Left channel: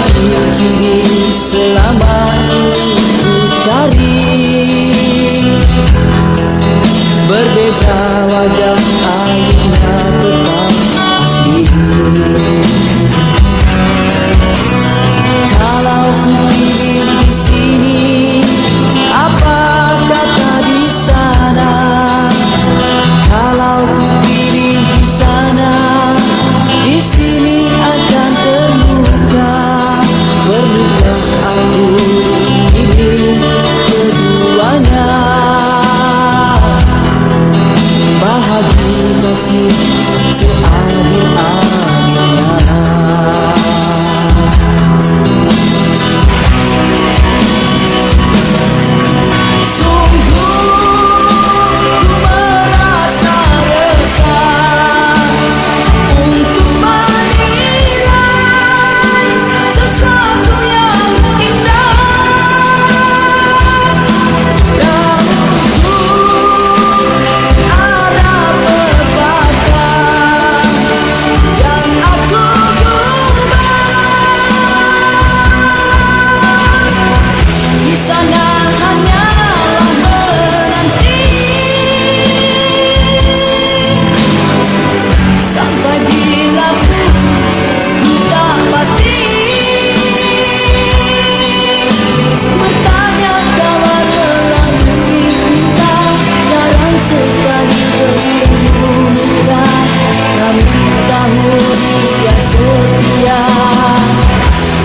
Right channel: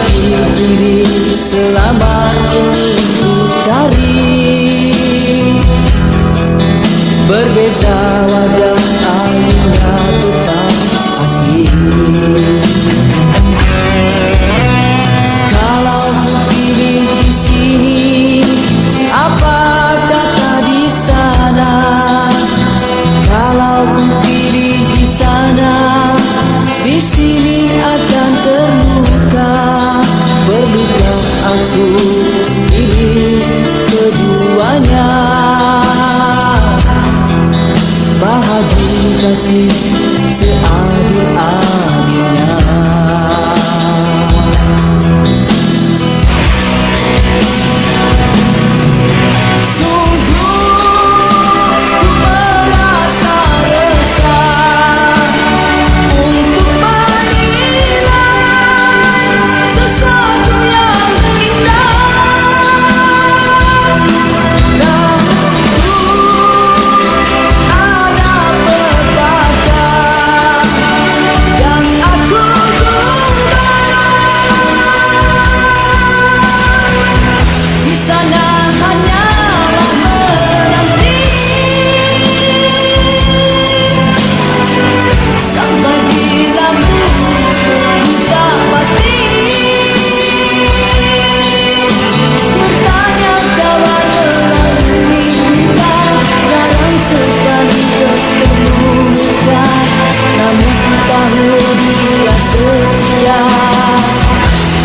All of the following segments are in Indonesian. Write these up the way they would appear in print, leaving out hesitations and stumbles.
Mencintai diri selama ini ku cari. Berbeza wajah Alina tetap asli. Kalau ku pilih di sini, apa kata di sana? Kalau ku pilih di sana, di sini akan terluka. Perlukah aku pilih keduanya? Bahagi kasih seadil-adilnya.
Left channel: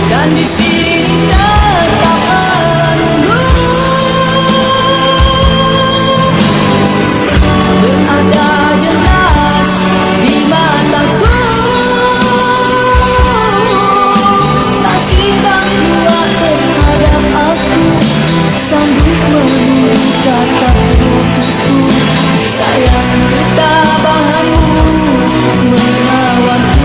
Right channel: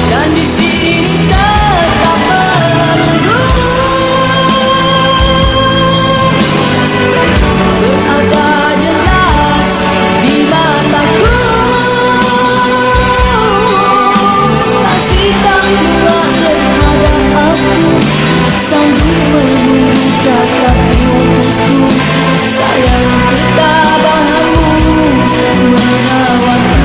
Dan di sini tetap menunggu, berada jelas di mataku. Kasih tak kuat terhadap aku, sanggup menunggu kata putusku. Sayang ketabahanmu menawanku.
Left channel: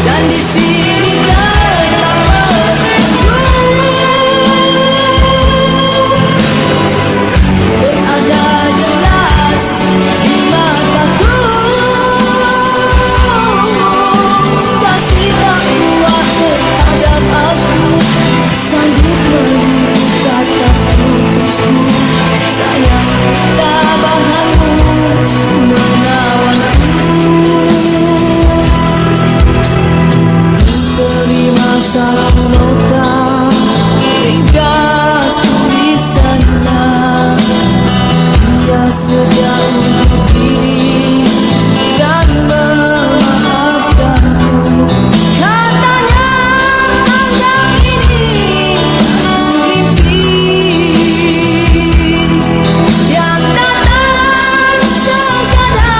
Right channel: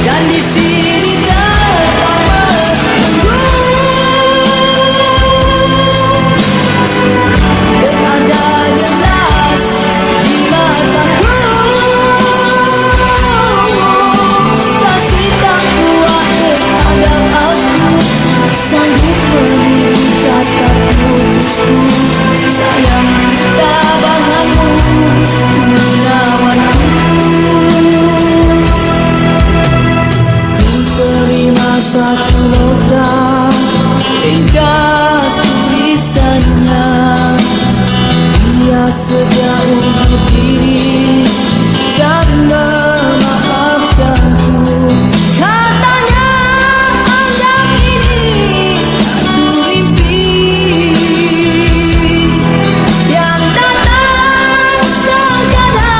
Dan di sini tetap menunggu, berada jelas di mataku. Kasih tak kuat terhadap aku, sanggup menunggu kata putusku. Sayang ketabahanmu menawanku. Satu nota ringkas tulisannya, dia sedia undur diri dan memaafkanku. Katanya anggap ini satu mimpi yang datang sekadar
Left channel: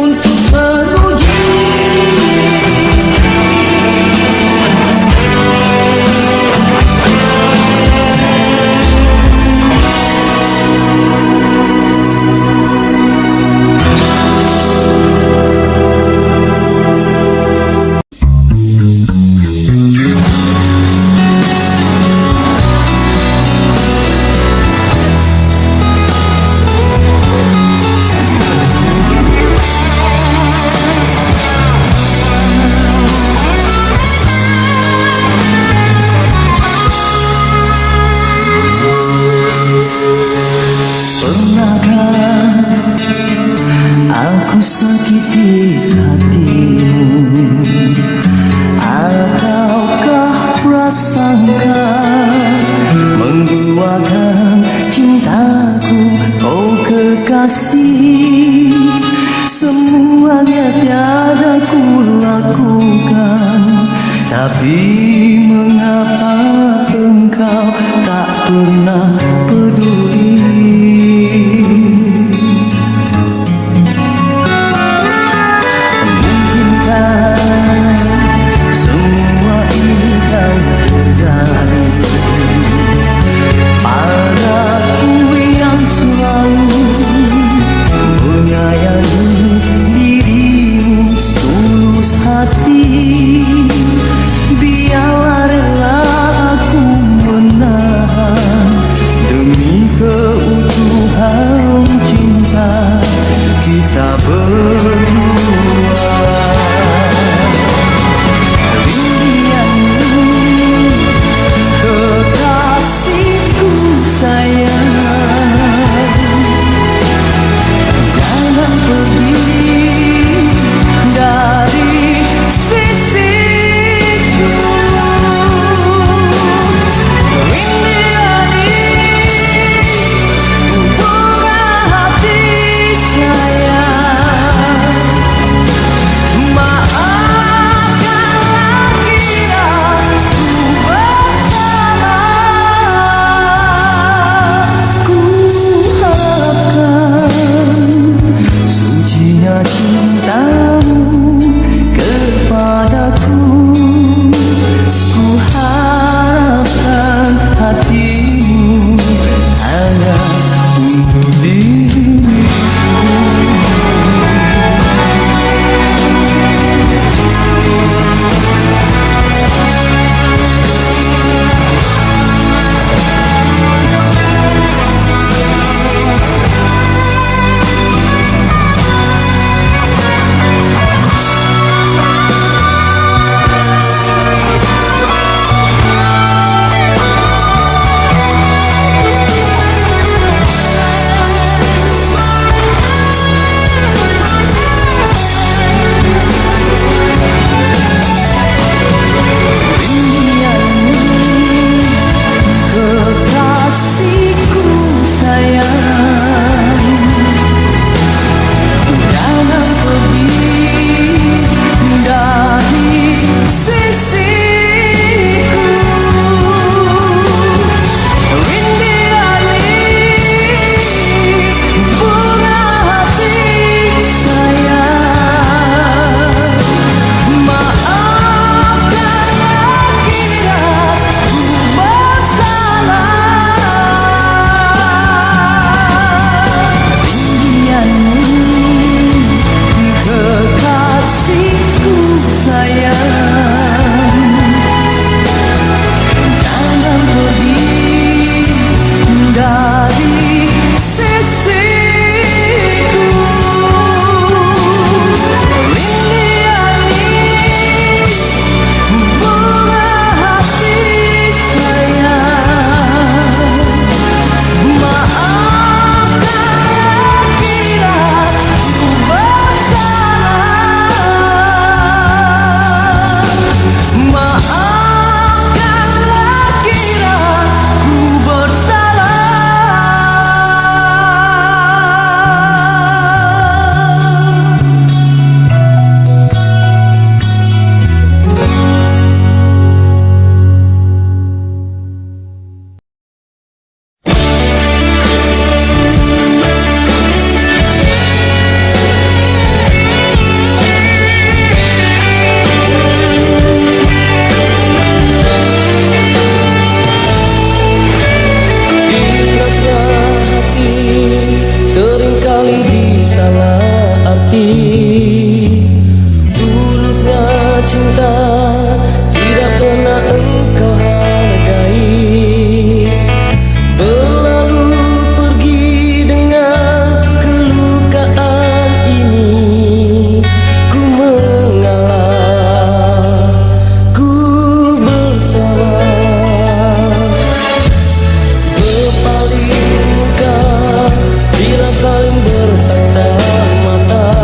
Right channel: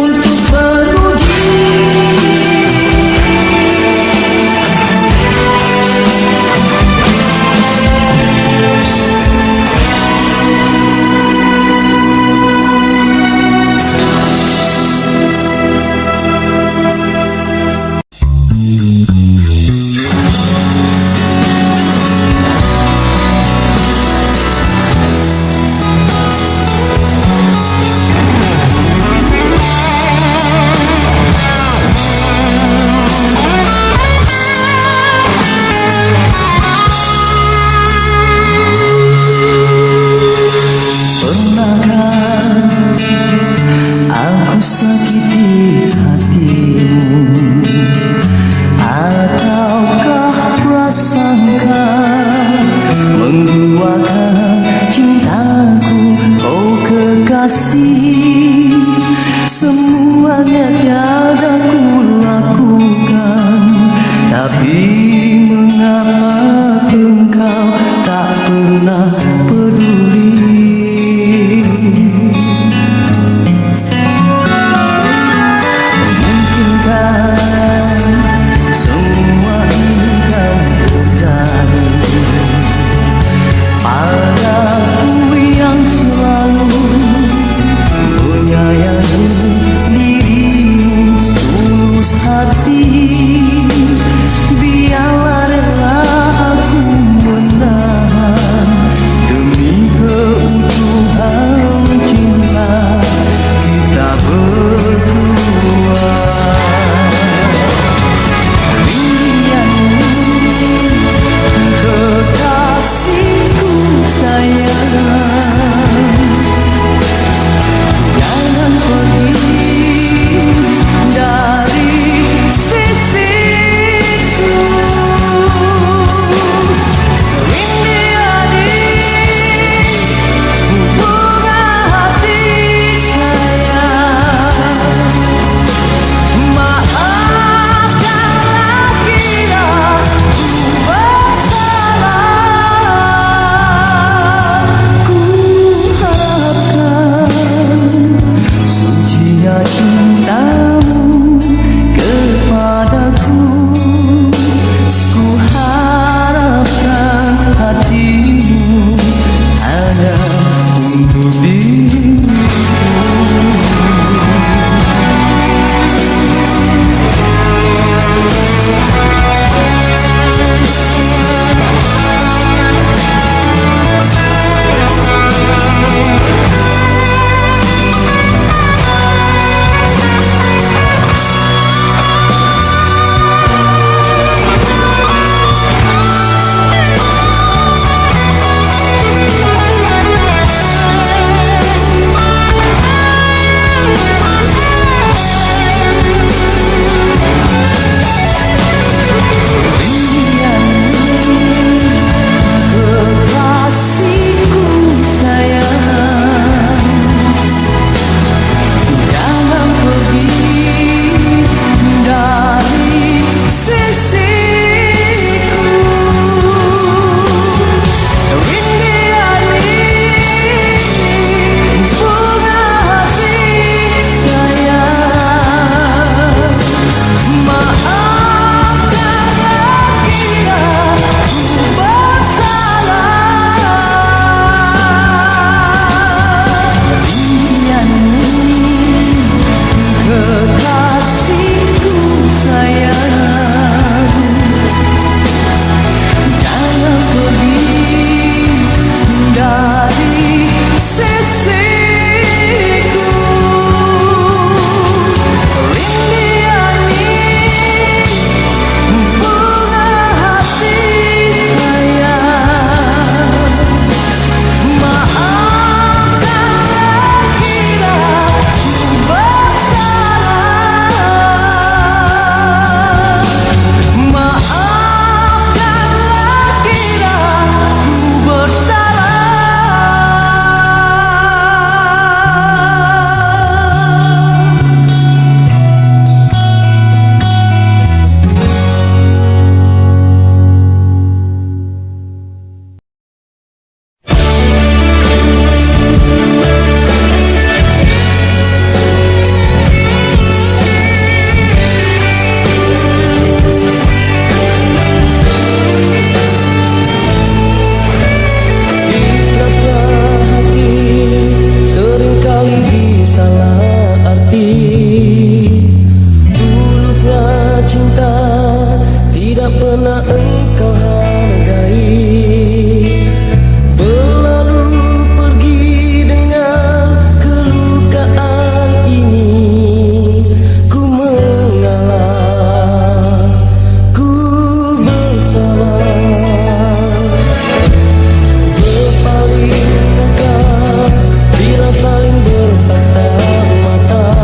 untuk sakiti hatimu, ataukah prasangka mengguakan cintaku, oh kekasih. Semuanya tiada ku lakukan, tapi mengapa engkau tak pernah peduli? Semua ini kan terjadi padaku yang selalu menyayangi dirimu setulus hati. Biarlah rela aku menahan demi keutuhan cinta kita berdua. Kekasihku sayang, jangan pergi dari sisiku. Rindu bunga hati sayang, maafkanlah kira ku bersalah. Ku harapkan sucinya cintamu kepadaku. Ku harapkan hatimu hanya untuk diriku. Kekasihku sayang, jangan pergi dari sisiku. Rindu bunga hati sayang, maafkanlah kira ku bersalah. Kekasihku sayang, jangan pergi dari sisiku. Rindu bunga hati sayang, maafkanlah kira ku bersalah. Maafkanlah kira ku bersalah. Ikhlasnya hati seringkali disalah arti. Tulusnya cinta tidak pernah engkau hargai. Berlalu pergi dengan kelukaan ini. Ku mengalah, ku bersabar. Berpaling muka bila saling bertatap mata.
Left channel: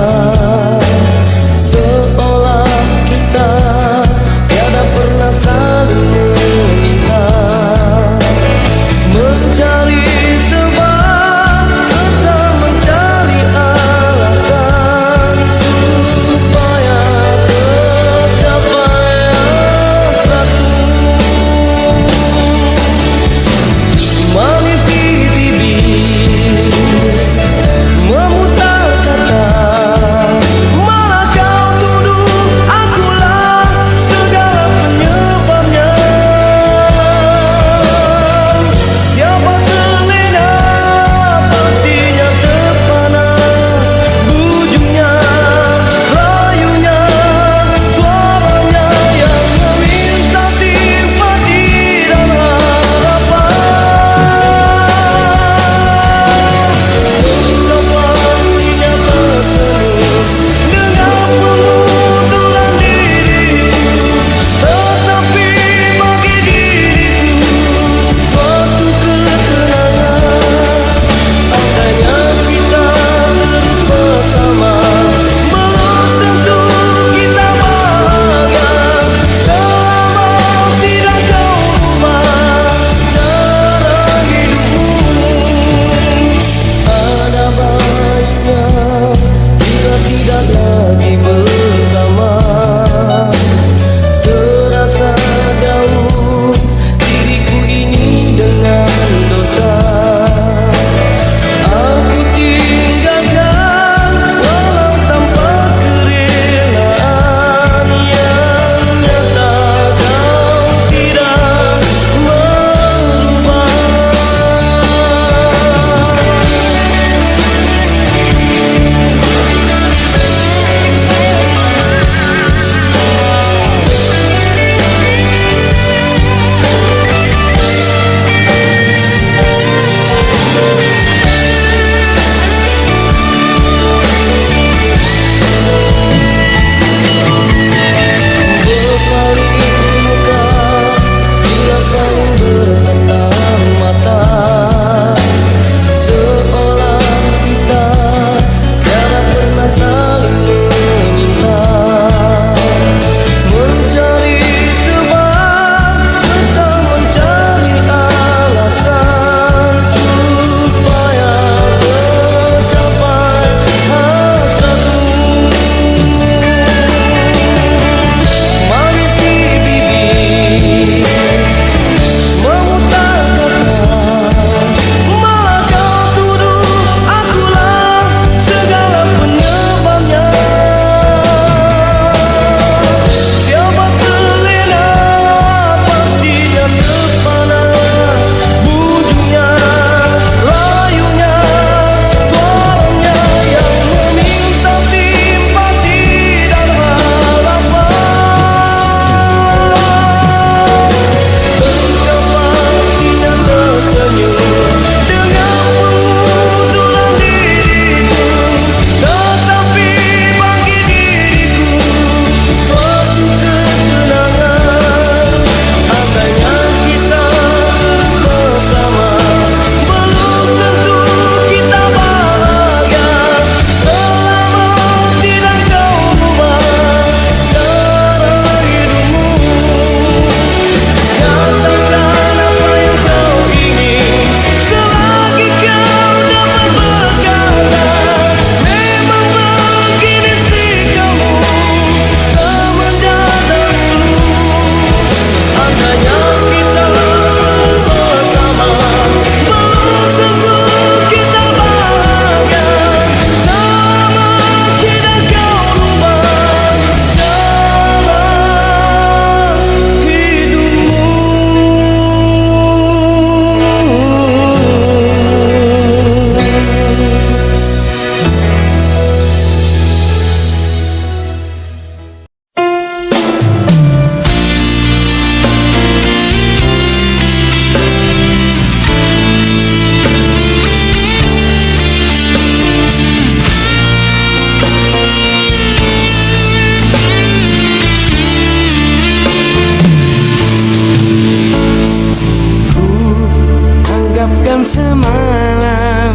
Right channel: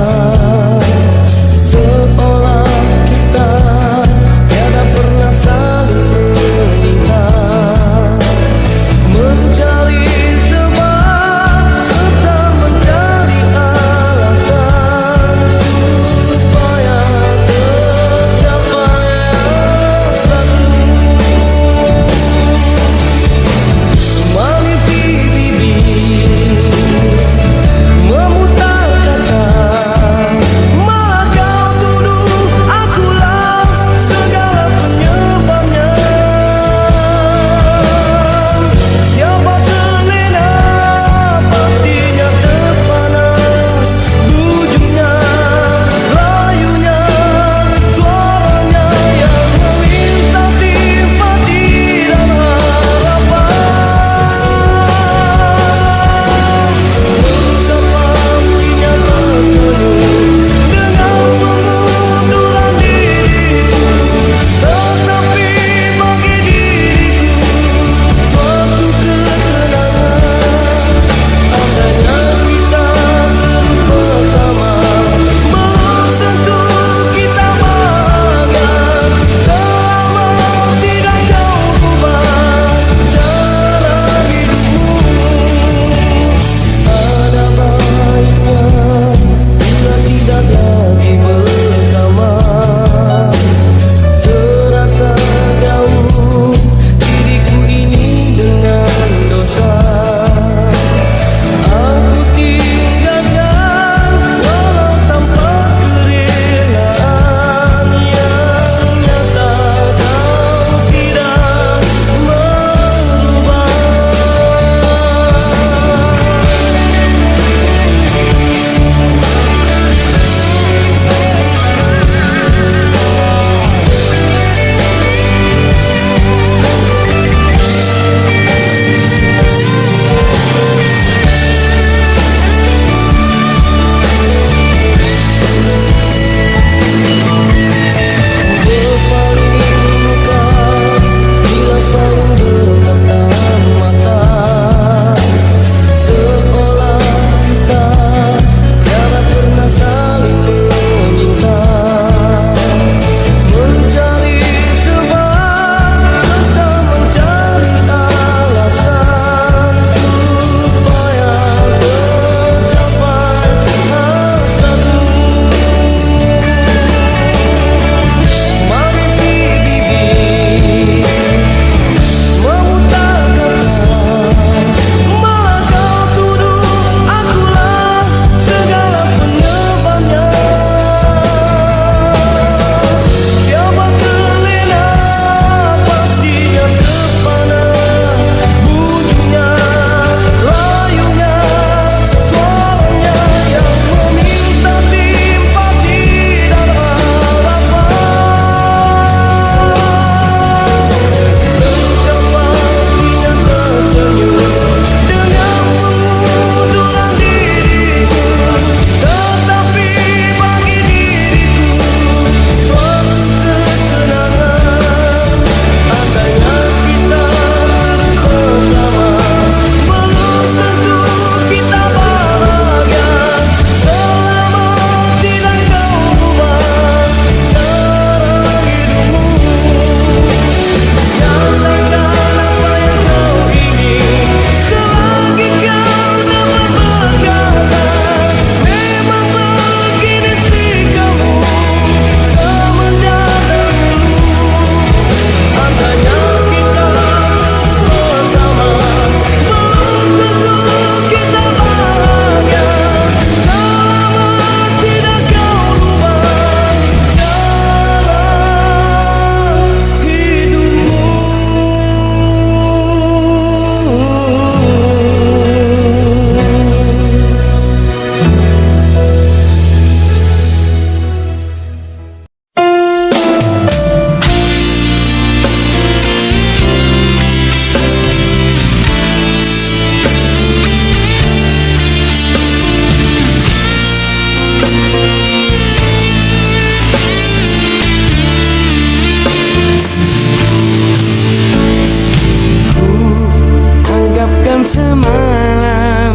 semalam,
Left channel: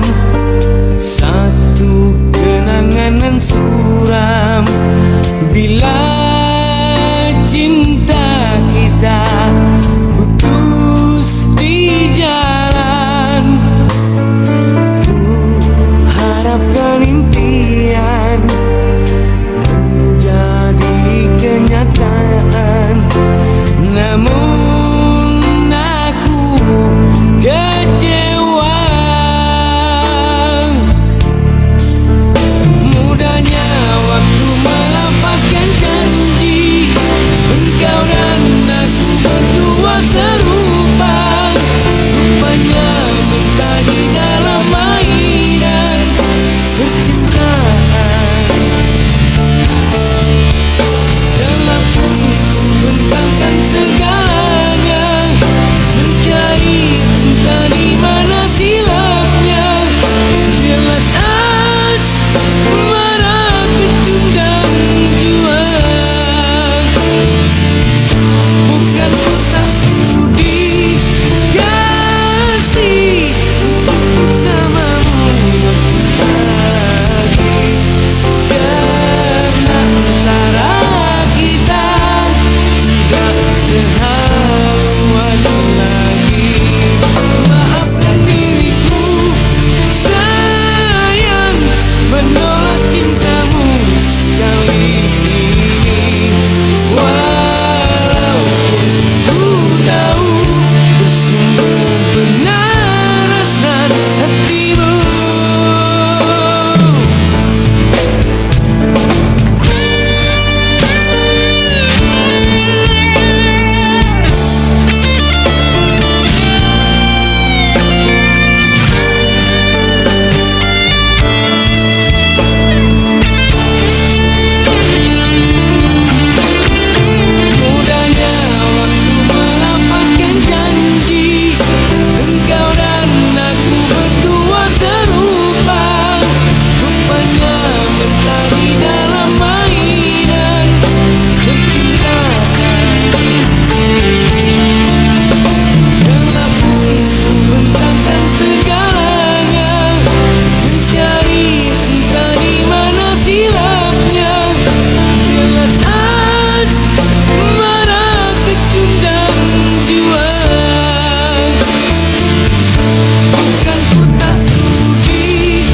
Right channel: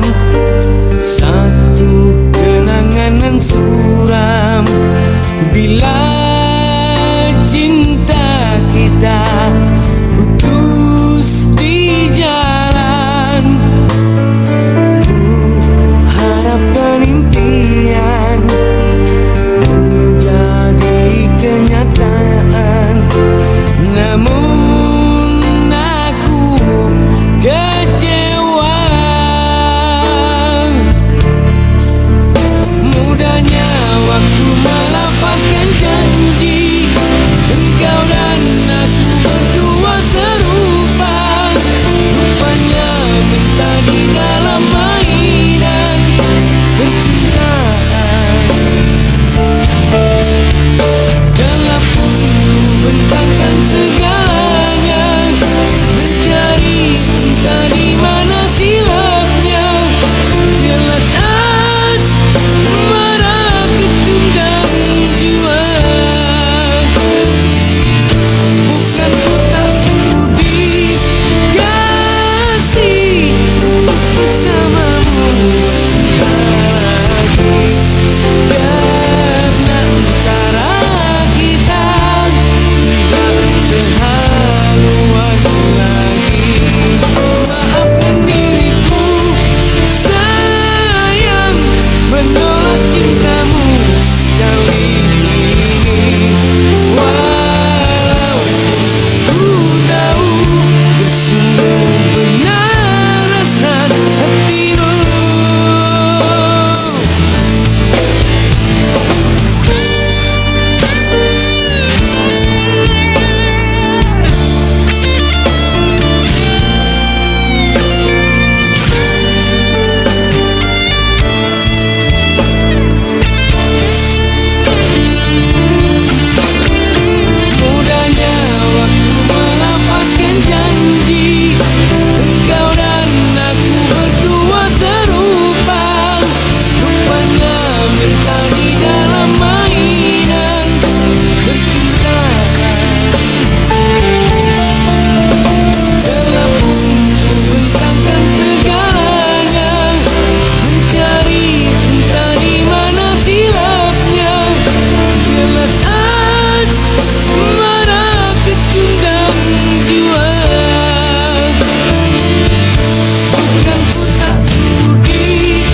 satu kenangan nan suram. Bila cinta kita putus di jalan, ku harapkan impian menjadi kenyataan. Namun aku kecewa. Mudahnya waktu melafazkan janji, engkau dan aku berdua serupa. Rupanya mentah di dalam mainan percintaan. Dalam pun ku bentangkan segalanya, mencari entah di mana silapnya. Jelas asmara kecundang jua. Bukan ku tak sudi kasih untuk bersamamu bercinta lagi, karena antara kita tidak sehaluan lagi. Maafkan diriku sayang, menolak cintamu kali ini. Walaupun ku tahu bersungguh benar hasrat hatimu. Mudahnya waktu melafazkan janji, engkau dan aku berdua serupa. Rupanya mentah di dalam mainan percintaan. Dalam pun ku bentangkan segalanya, mencari entah di mana silapnya. Jelas asmara kecundang jua. Bukan ku tak sudi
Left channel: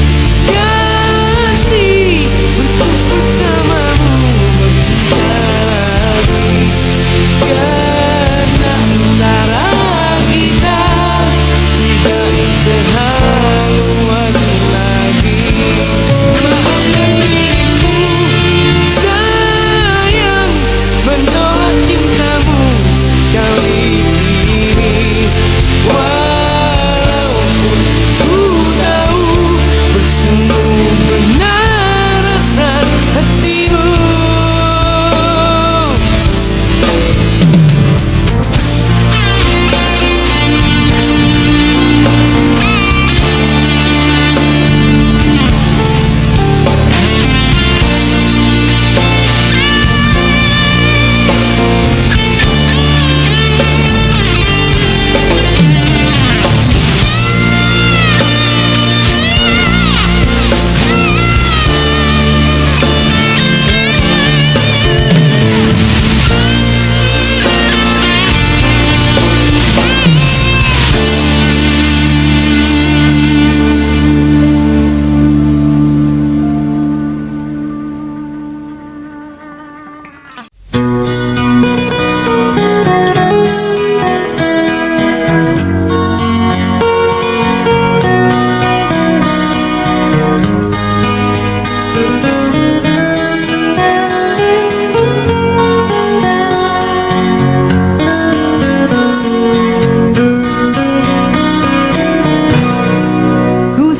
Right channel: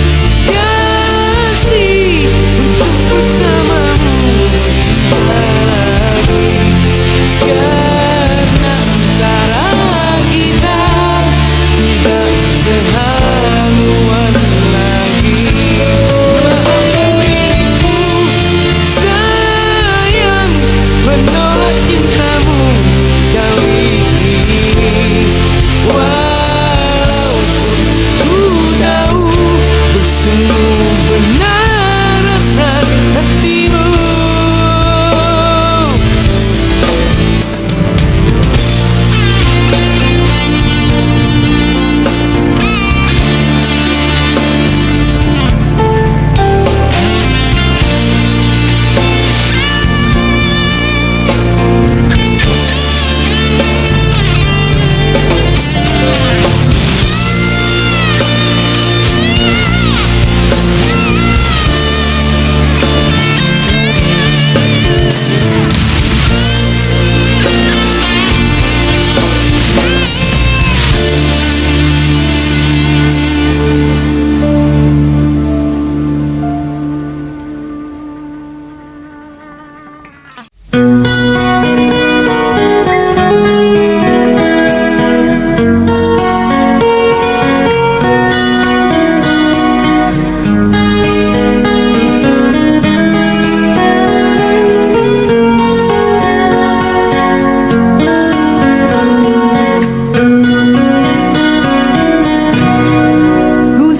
kasih untuk bersamamu bercinta lagi, karena antara kita tidak sehaluan lagi. Maafkan diriku sayang, menolak cintamu kali ini. Walaupun ku tahu bersungguh benar hasrat hatimu.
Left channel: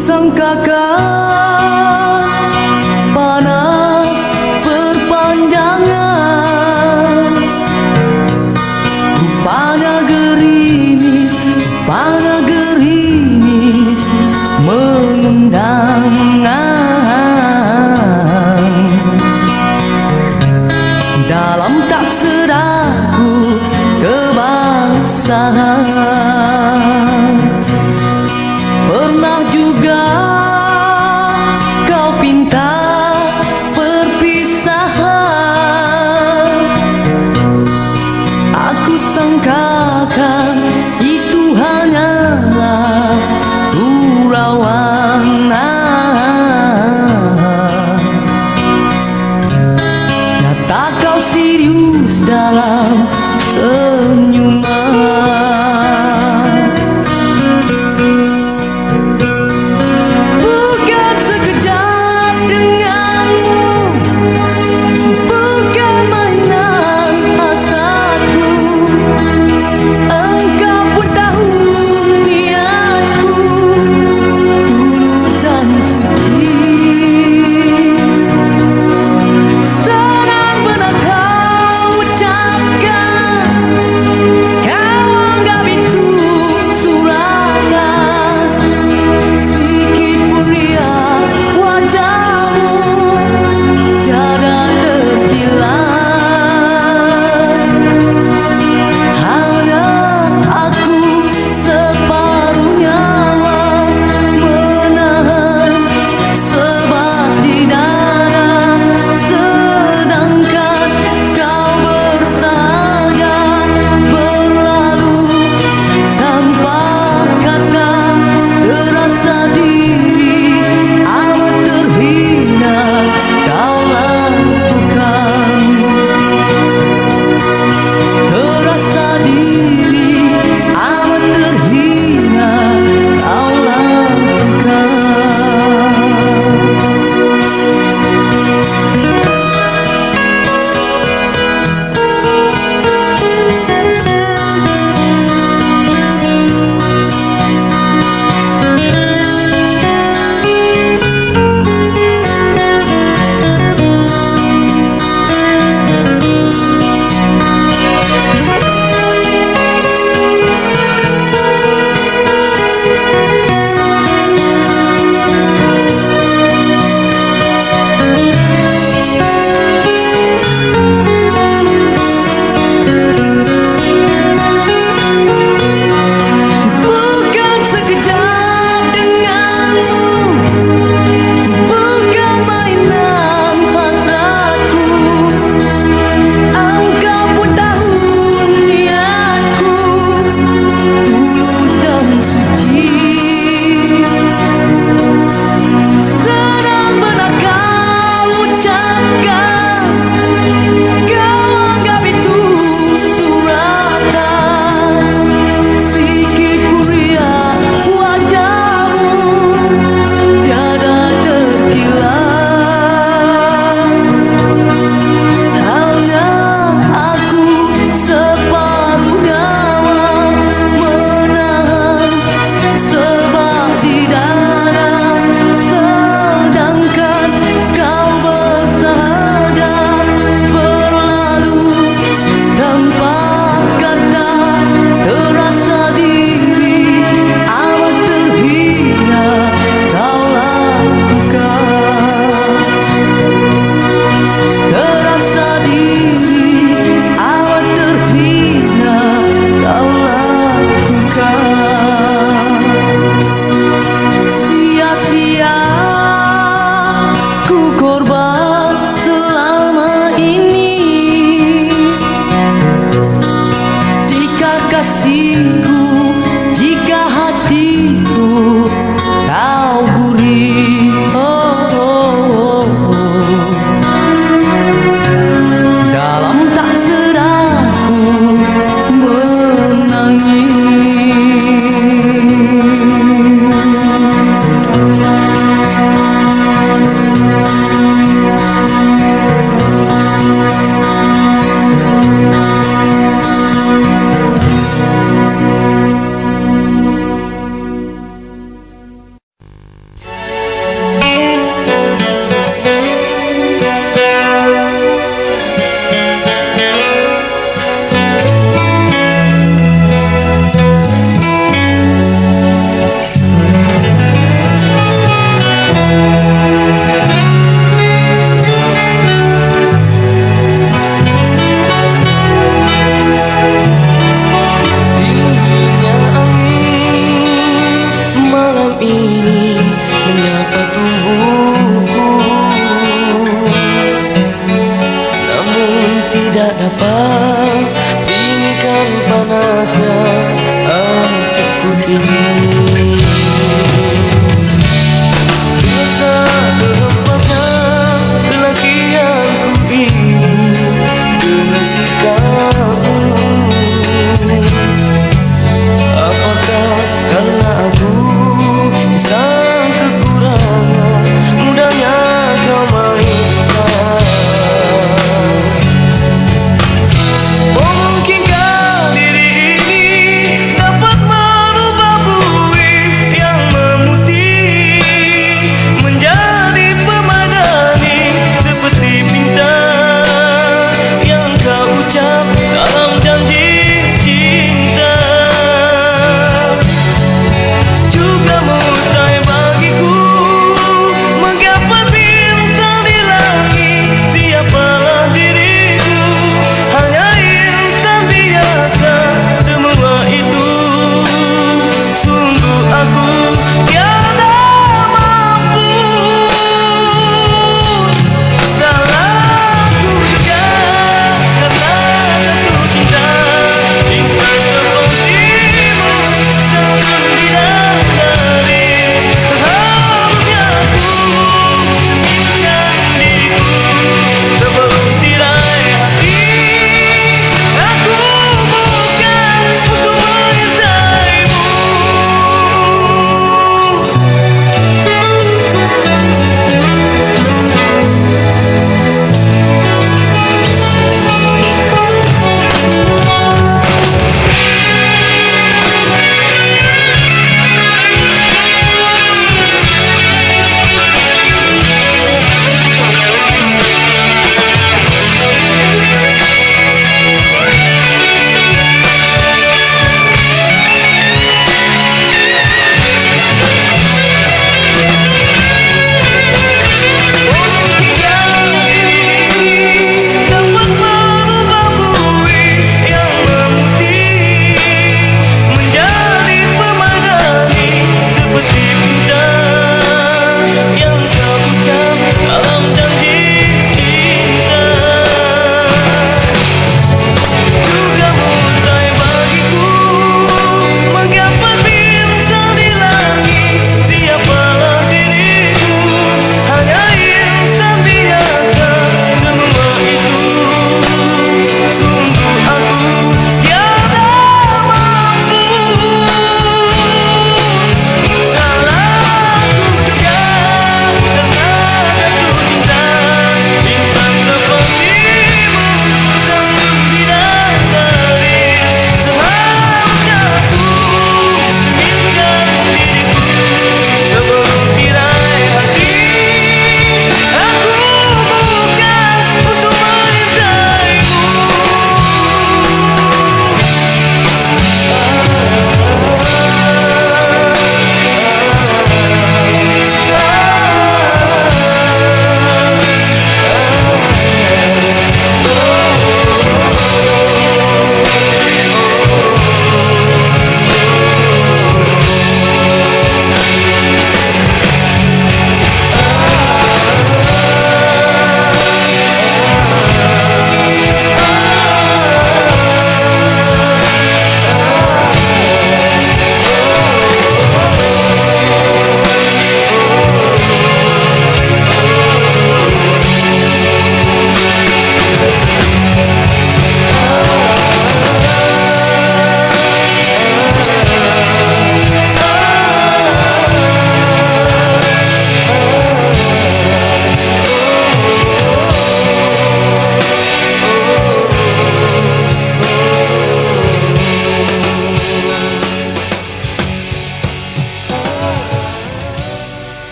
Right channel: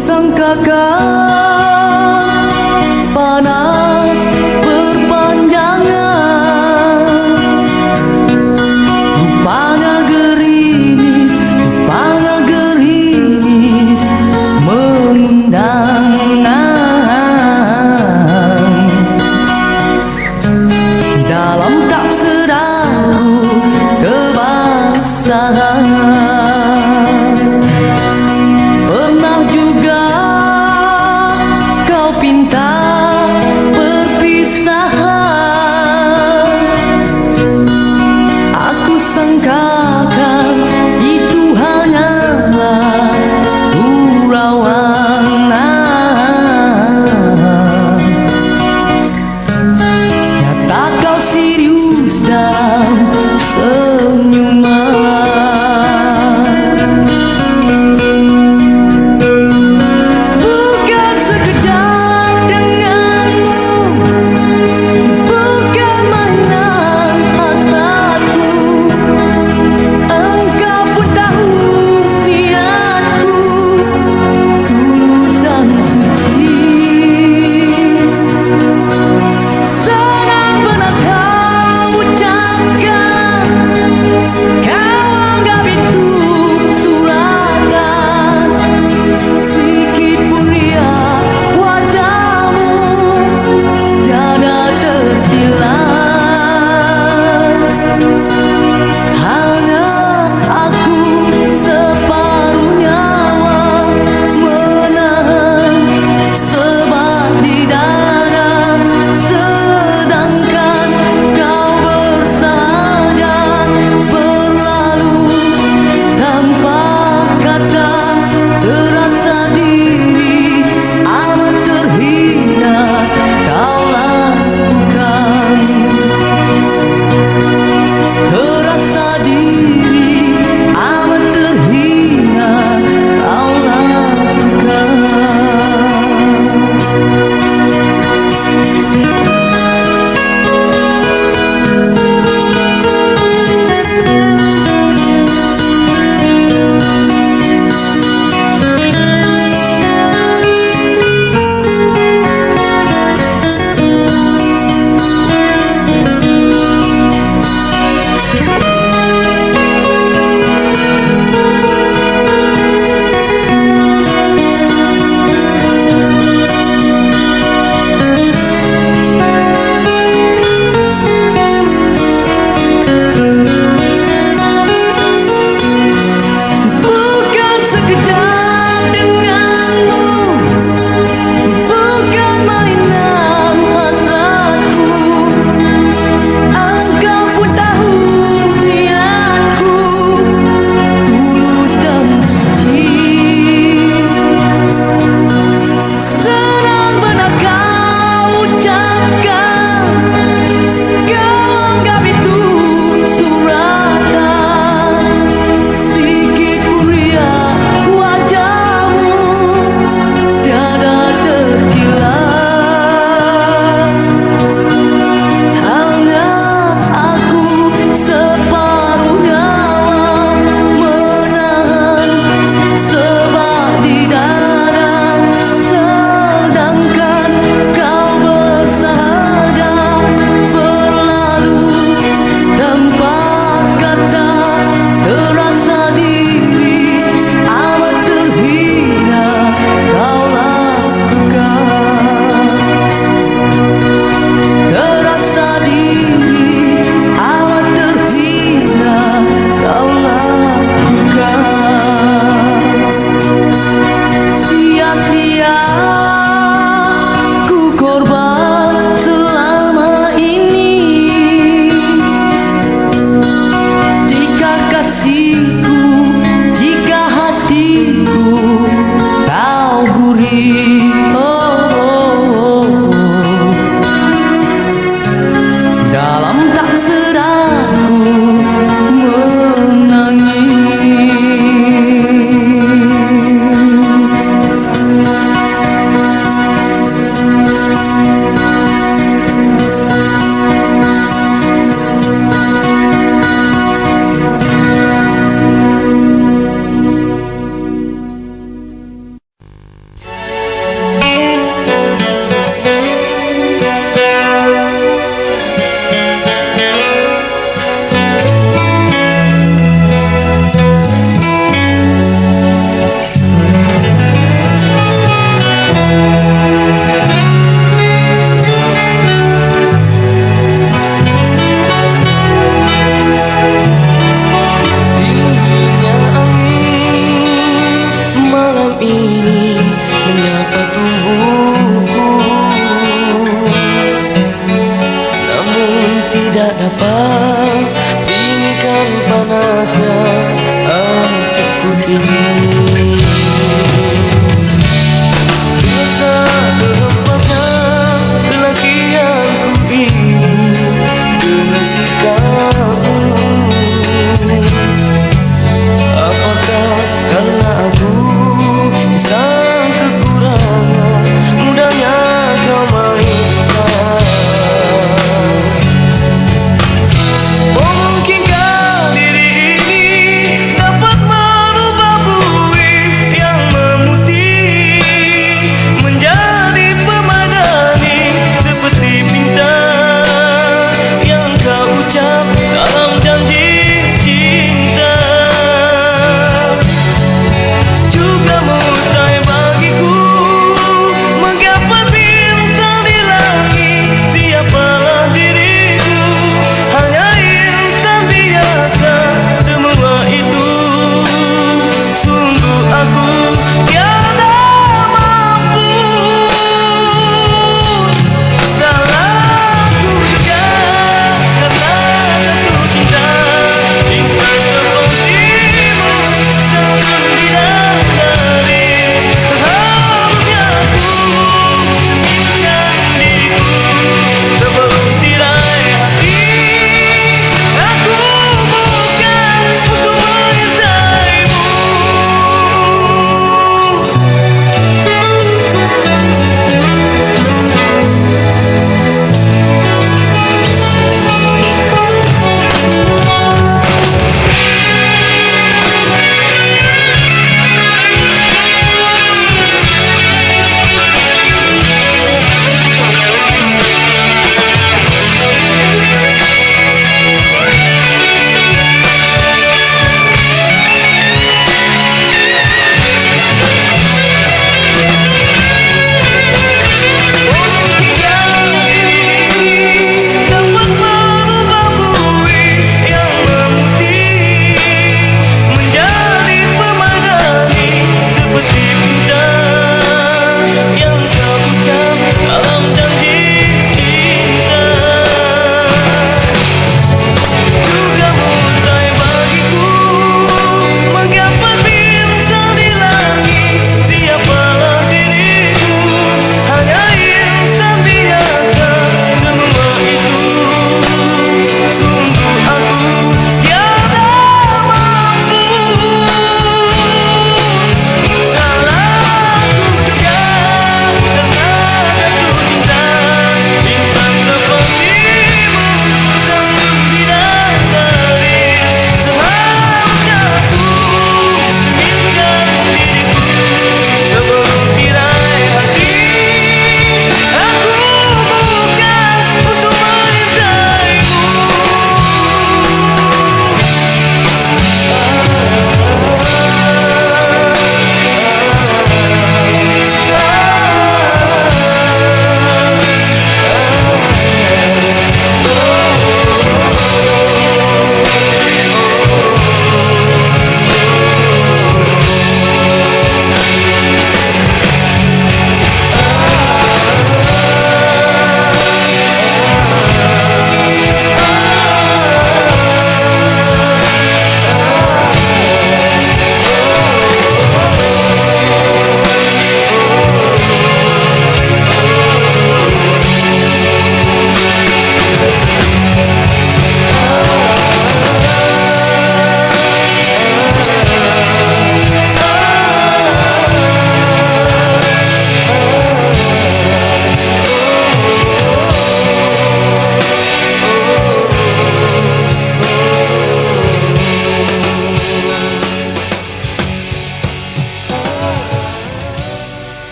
Sangkakan panas berpanjangan, rupanya gerimis mengundang. Dalam tak sedarku kebasahan, kau pinta perpisahan, aku sangkakan itu hanyalah gurauan. Nyata kau serius dalam senyuman. Bukan sekejap denganmu, bukan mainan hasratku. Engkau pun tahu niatku tulus dan suci. Senang benar kau ucapkan, kau anggap itu suratan. Sikit pun riak wajahmu tiada terkilat. Hanya aku separuh nyawa menahan sebab di dada, sedangkan kau bersahaja berlalu tanpa kata. Terasa diri amat terhina kau lakukan. Terasa diri amat terhina kau lakukan. Bukan sekejap denganmu, bukan mainan hasratku. Engkau pun tahu niatku tulus dan suci. Senang benar kau ucapkan, kau anggap itu suratan. Sikit pun riak wajahmu tiada terkilat. Hanya aku separuh nyawa menahan sebab di dada, sedangkan kau bersahaja berlalu tanpa kata. Terasa diri amat terhina kau lakukan. Terasa diri amat terhina kau lakukan. Sia-sia ku korban selama ini. Jika kasihku, jika hatiku kau gurih, dalam tak sedarku menangis. ini menyapa tubuhku.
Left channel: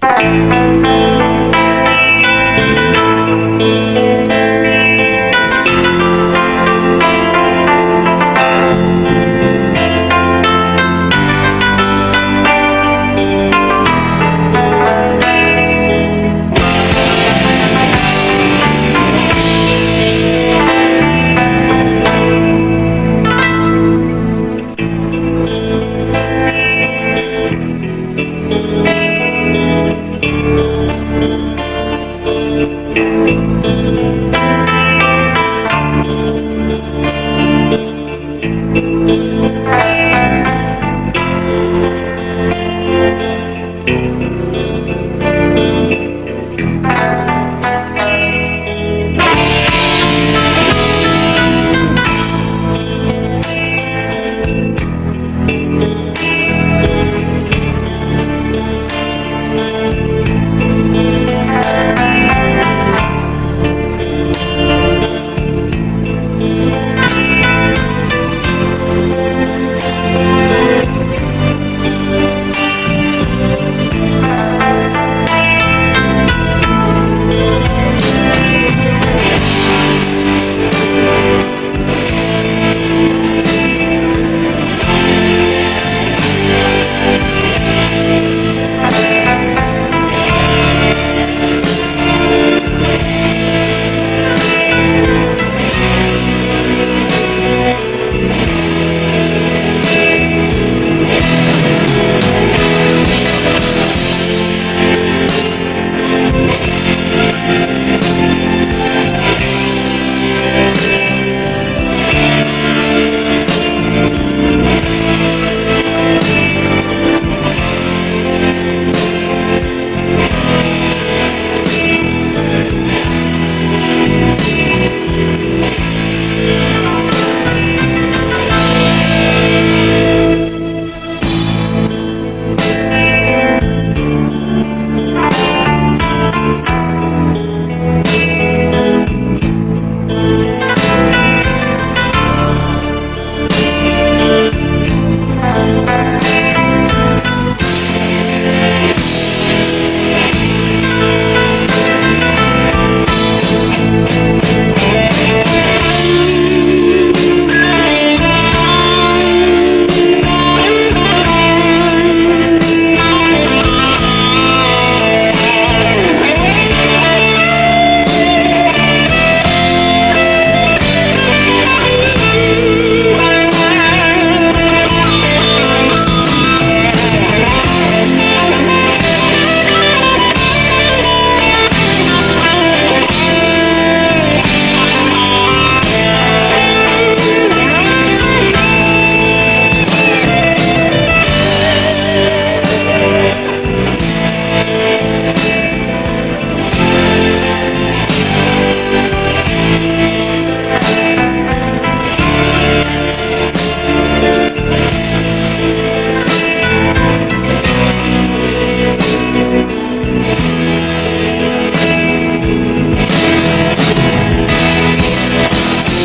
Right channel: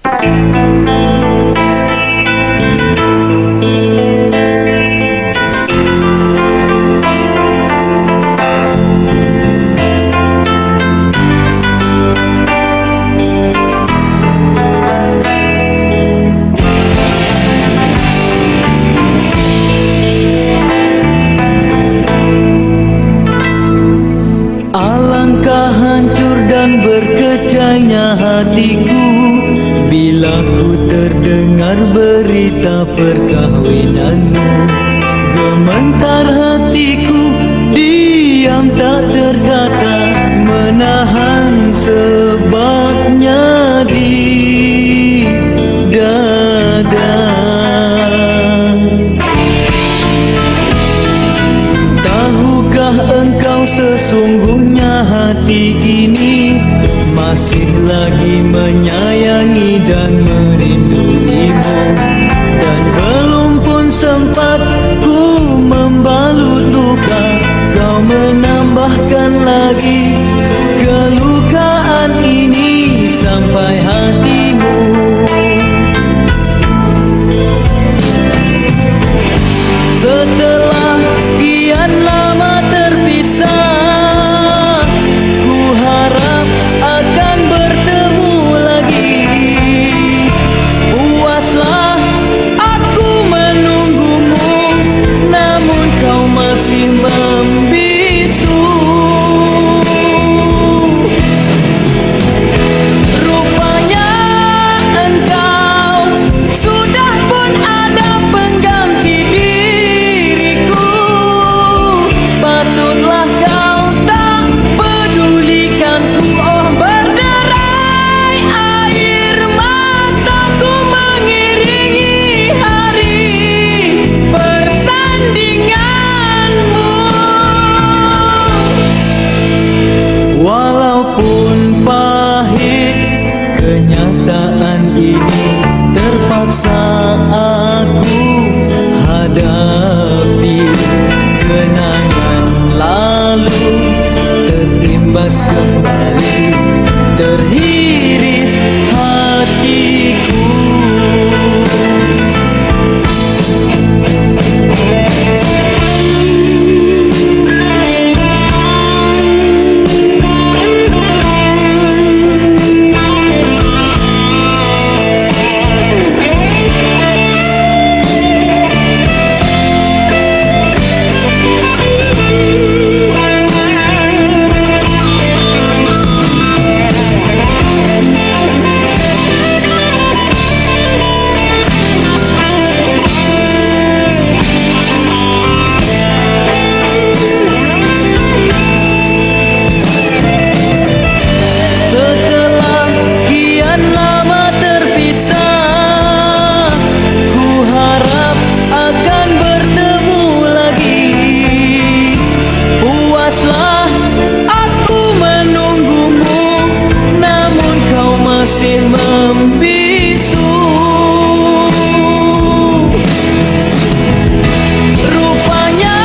Alangkah hancur dan berkecainya hatiku bila ku terdengar berita perkahwinanmu. Gemetar hatiku, diam tak terkata, menahan sebabnya di dada. Tahukah engkau sesungguhnya hati ini masih lagi menyayangi dan merinduimu, dan belum pun sempat ku membalut luka, kau menambahkan lagi kelukaan ini sampai hatimu. Setelah kian lama terpisah, ku harap akan bertemu lagi. Puaslah aku menunggumu, namun kau masih membisu. Rupanya engkau sudah pun ada pengganti diriku. Patutlah kau tak pedulikanku. Oh, berderai air mataku mengiringi hari persandinganmu. Walaupun pahit kenyataan ini, terpaksa aku hadapi. Kenangan lalu terimbas kembali, terhiris hatiku. Setelah kian lama terpisah, ku harap akan bertemu lagi. Puaslah aku menunggumu, namun kau masih membisu. Rupanya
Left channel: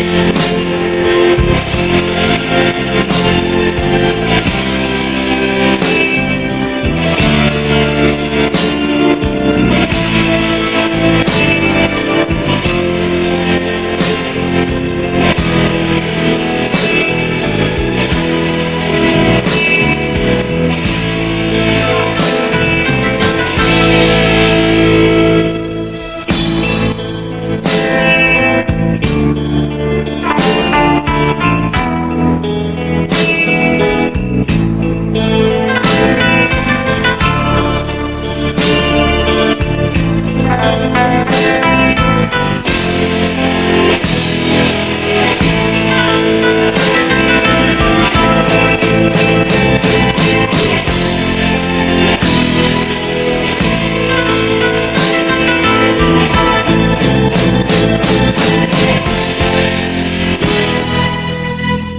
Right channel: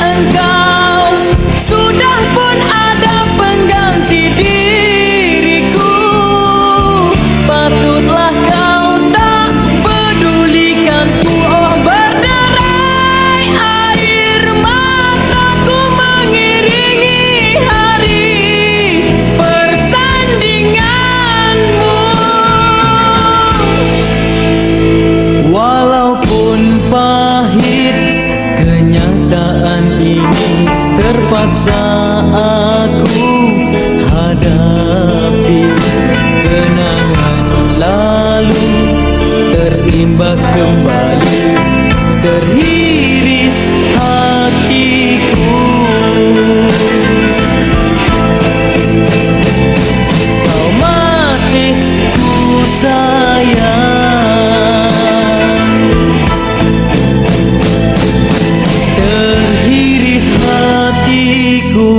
engkau sudah pun ada pengganti diriku. Patutlah kau tak pedulikanku. Oh, berderai air mataku mengiringi hari persandinganmu. Walaupun pahit kenyataan ini, terpaksa aku hadapi. Kenangan lalu terimbas kembali, terhiris hatiku. Kau masih sayang, terhiris hatiku.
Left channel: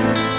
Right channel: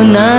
menang